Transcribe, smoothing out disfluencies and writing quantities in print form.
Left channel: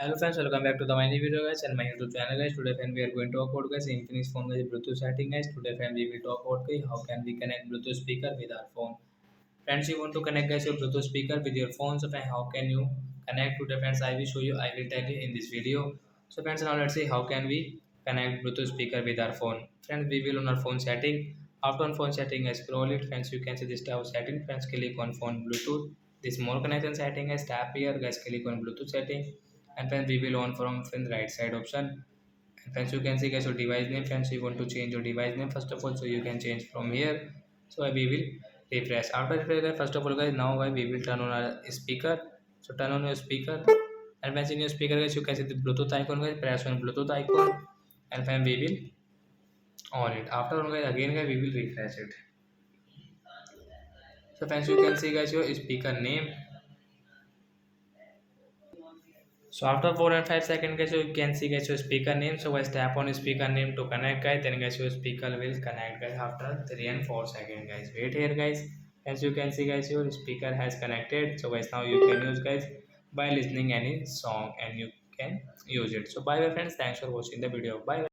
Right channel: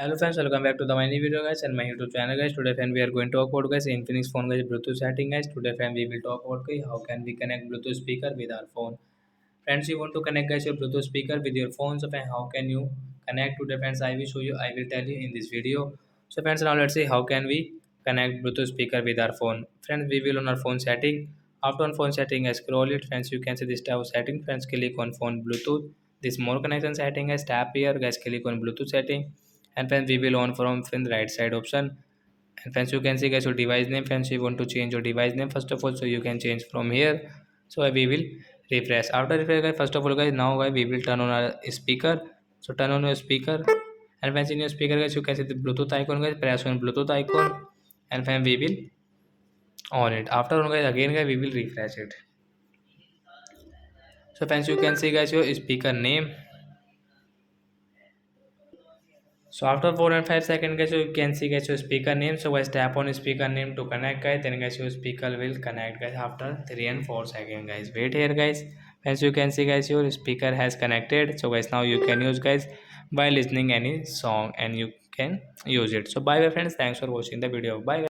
Hello friends, welcome back to the my new video guys and my YouTube channel guys. Today friend we are going to talk about guys Infinix phone guys Bluetooth setting guys. Today friend we will talk about guys how can we connect Bluetooth speaker with our phone. Friends, you want to connect guys your Bluetooth speaker with your phone. So friend, how can you connect today friends? I will show you. I will tell you in this video. So friends, now let's see how can we connect Bluetooth speaker with our phone. Friends, we will on our phone setting. After on phone setting, I scroll it. Friends, you can see this tab setting. Friends, click on phone Bluetooth. This more connection setting guys. Tap here guys. Click on Bluetooth setting. And friends, we will on from friends right side option. And friends, you can see guys your device name. Friends, you want to change your device name first of all, so you can change from here. So we will refresh. After refresh guys, first of all guys, now guys we will turn on our speaker. So turn on your speaker, and friends in your speaker guys you can see the Bluetooth icon guys. Press on Bluetooth icon, and then we will on it. After on guys again guys we will refresh it. So friends, you can see guys your speaker name. So after 4 and 5 seconds guys you can see guys your speaker name. So guys tap on speaker name to connect guys, then guys your speaker will connect guys after 3 and 4 seconds guys. Wait here guys. As you can see guys your speaker has connected. So guys now you can use guys by listening any song and you can use it. So bye bye friends, thanks for watching the video. Bye.